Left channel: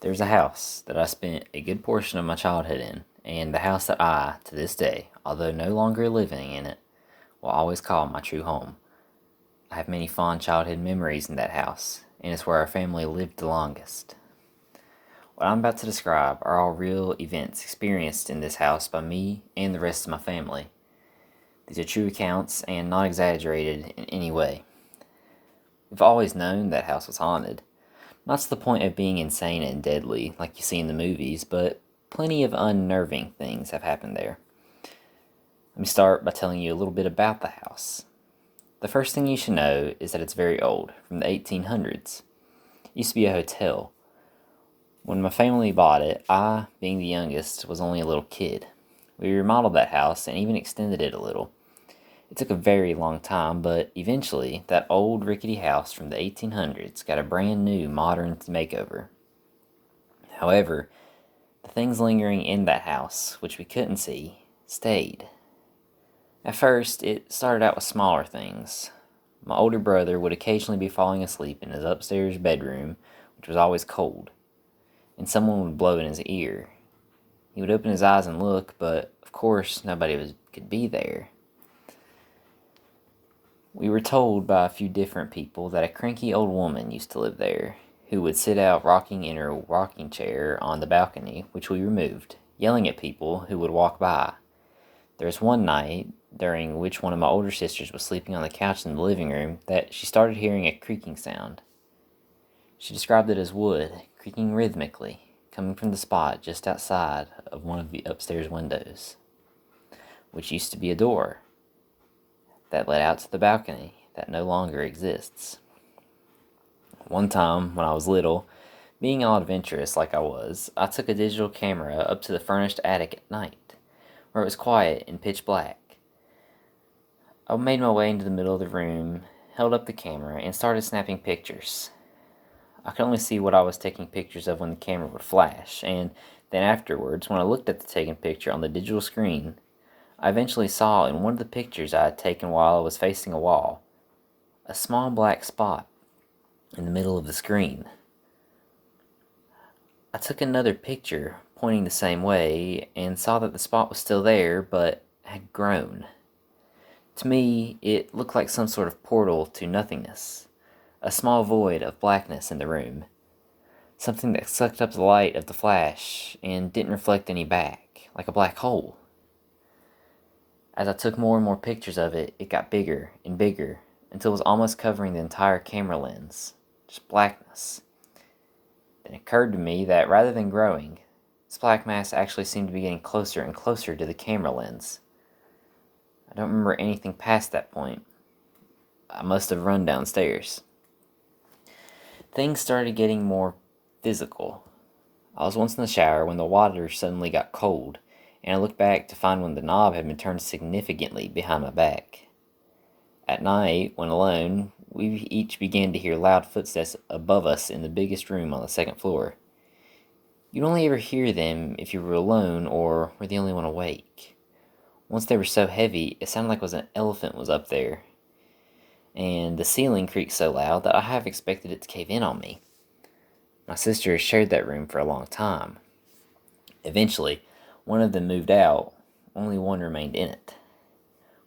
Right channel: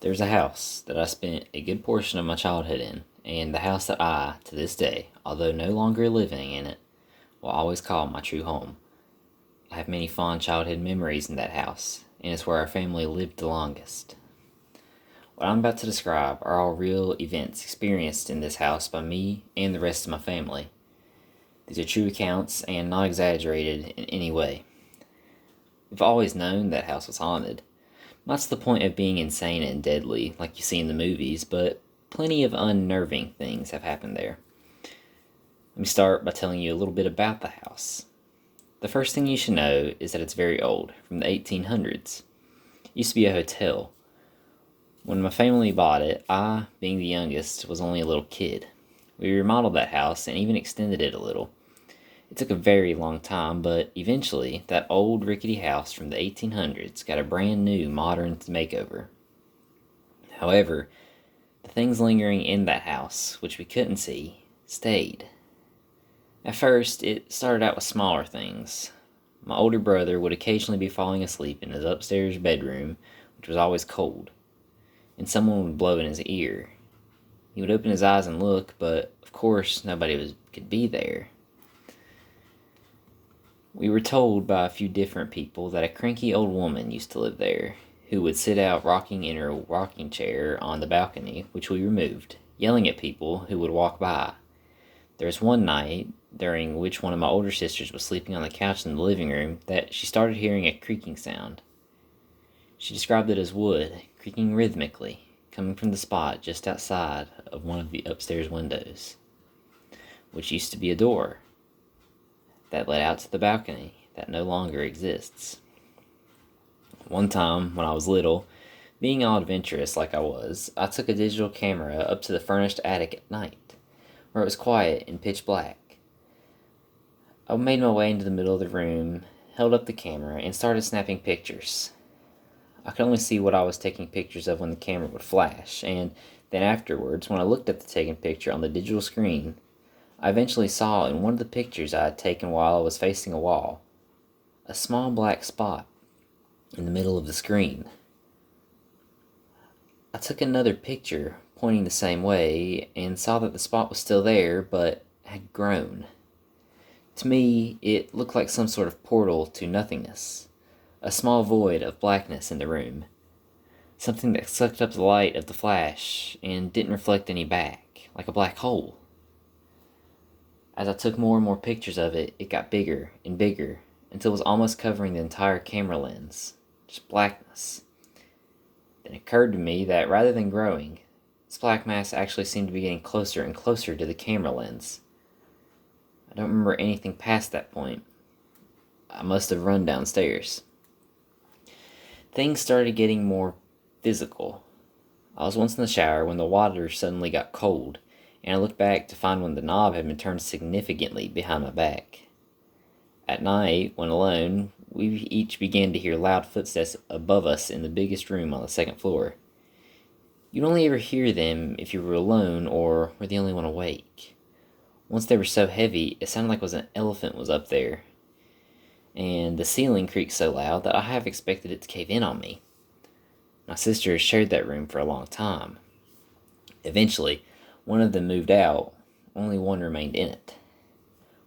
There's a house that I spent a good portion of my childhood in, and the house that I, to this day, although no longer living in it, will always call my true home. I have many fond childhood memories in that house, and it's where our family lived the longest. What I'm about to describe are all real events experienced in this house by me and the rest of my family. These are true accounts and not exaggerated in any way. We've always known that house was haunted, not to the point of being insane and deadly like you see in the movies, but plenty of unnerving things have happened there. Let me start by telling you a little bit about the house. The first thing you should know is that it's very old, from the 1800s. It used to be a hotel. When my family bought it, I, being the youngest, was only a little kid. We remodeled that house and even extended it a little. It took a very long time, but eventually, that old rickety house from the 1800s got a brand new modern makeover. However, the things lingering in that house, which we couldn't see, stayed. At first, it started out with smaller things. My older brother would occasionally be falling asleep in his upstairs bedroom, which was always cold, and someone would blow in his ear. He would open his eyes and look, but of course, could be there. We were told by a few different people that a cranky old woman used to live there, who would sit out rocking in her rocking chair on the balcony, which we removed, yelling at people who would walk by. There was one night, during which one of my older sisters was sleeping on the couch in the living room, that she started hearing a creaking sound. She described it as wood, creaking rhythmically, coming from the spot just outside of one of the upstairs windows, which used to be a door that led out to the balcony that no longer exists. One time, when I was little, being all adventurous like I was, I took a digital camera up to the furnished attic at night, where it was quiet and pitch black. I made my way into the middle of the room, held up the camera, and started snapping pictures. I could only see what I was taking pictures of when the camera would flash, and then afterwards, when I looked at the taken picture on the digital screen, I eventually saw in one of the pictures I had taken while I was facing a wall, a small black spot in the middle of the screen. I took another picture pointing the same way and saw that the spot was still there but had grown. To me, it looked like some sort of portal to nothingness, a small void of blackness in the room, something that sucked up the light of the flash and didn't reflect any back, like a black hole. As I took more and more pictures of it, it got bigger and bigger until it was almost covering the entire camera lens. Just blackness. Then it occurred to me that rather than growing, this black mass actually seemed to be getting closer and closer to the camera lens. I don't remember anything past that point. I must have run downstairs. Things started getting more physical. I was once in the shower when the water suddenly got cold, and I looked back to find when the knob had been turned significantly behind my back. At night, when alone, we each began to hear loud footsteps above us in the biggest room on the second floor. You'd only ever hear them if you were alone or were the only one awake. Once they were so heavy, it sounded like an elephant was up there, and the ceiling creaked so loud that I half expected it to cave in on me. My sister shared that room for a long time. Eventually, one of them moved out, only one remained in it.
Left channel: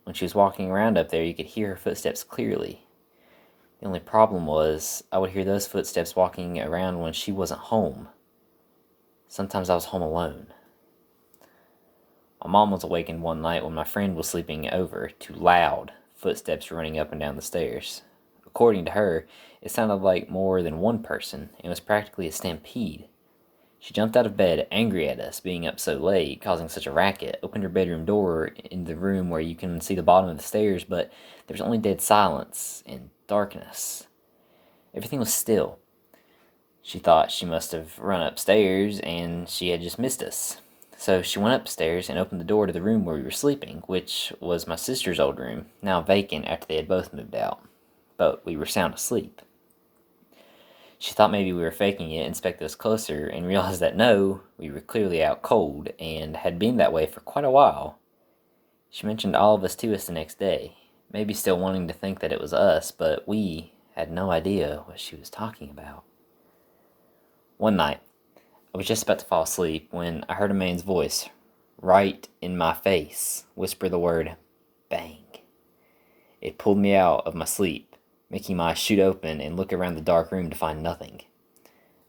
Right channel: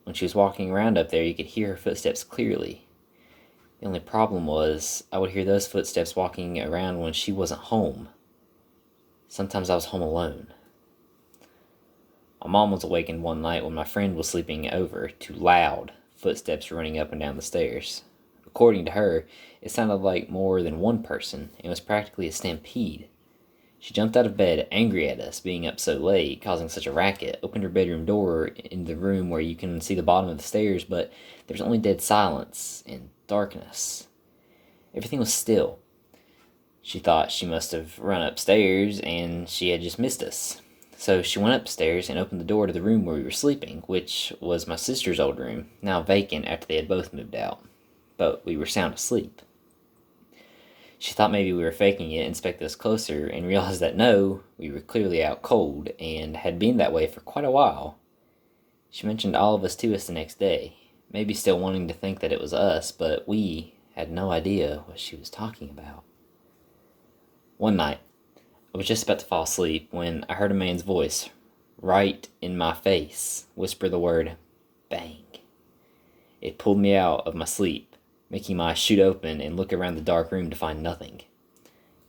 When she was walking around up there, you could hear her footsteps clearly. The only problem was, I would hear those footsteps walking around when she wasn't home. Sometimes I was home alone. My mom was awakened one night when my friend was sleeping over to loud footsteps running up and down the stairs. According to her, it sounded like more than one person and was practically a stampede. She jumped out of bed, angry at us being up so late, causing such a racket, opened her bedroom door in the room where you can see the bottom of the stairs, but there was only dead silence and darkness. Everything was still. She thought she must have run upstairs and she had just missed us. So she went upstairs and opened the door to the room where we were sleeping, which was my sister's old room, now vacant after they had both moved out. But we were sound asleep. She thought maybe we were faking it, inspected us closer, and realized that no, we were clearly out cold, and had been that way for quite a while. She mentioned all of us to us the next day, maybe still wanting to think that it was us, but we had no idea what she was talking about. One night, I was just about to fall asleep when I heard a man's voice, right in my face, whisper the word bang. It pulled me out of my sleep, making my eyes shoot open and look around the dark room to find nothing.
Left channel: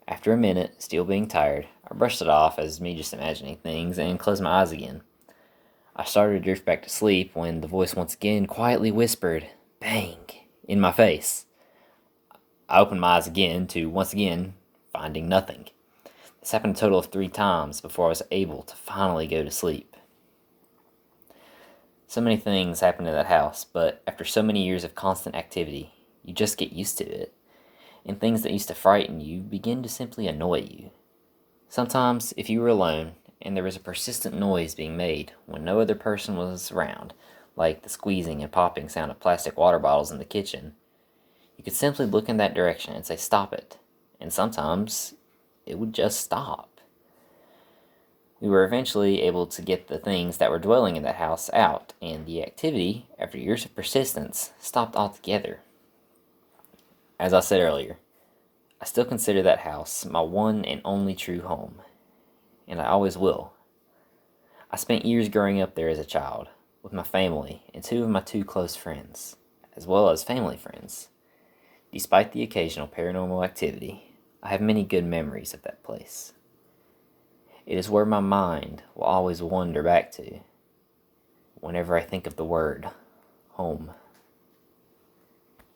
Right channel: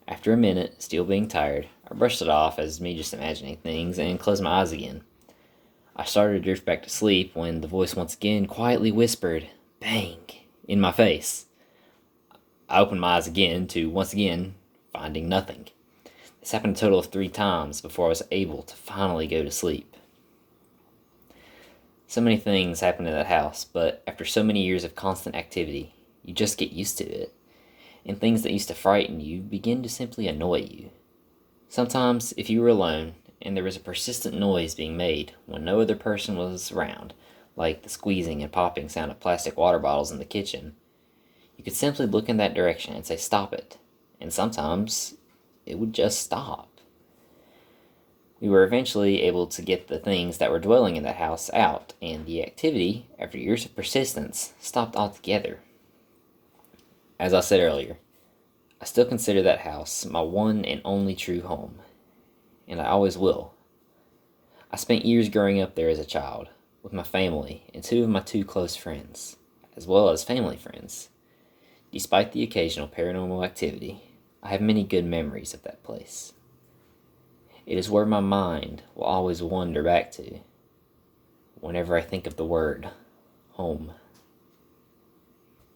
After a minute, still being tired, I brushed it off as me just imagining things and closed my eyes again. I started to drift back to sleep when the voice once again quietly whispered, bang, in my face. I opened my eyes again to once again finding nothing. This happened a total of 3 times before I was able to finally go to sleep. So many things happened in that house, but after so many years of constant activity, you just get used to it, and things that used to frighten you begin to simply annoy you. Sometimes, if you were alone and there was a persistent noise being made when no other person was around, like the squeezing and popping sound of plastic water bottles in the kitchen, you could simply look in that direction and say, "Stop it." And sometimes it would just stop. We were eventually able to get the things that were dwelling in that house out, and the activity, after years of persistence, stopped altogether. As I said earlier, I still consider that house my one and only true home, and I always will. I spent years growing up there as a child, with my family and 2 of my close friends, as well as family friends. Despite the occasional paranormal activity, I have many good memories of that place. It is where my mind will always wander back to whenever I think of the word home.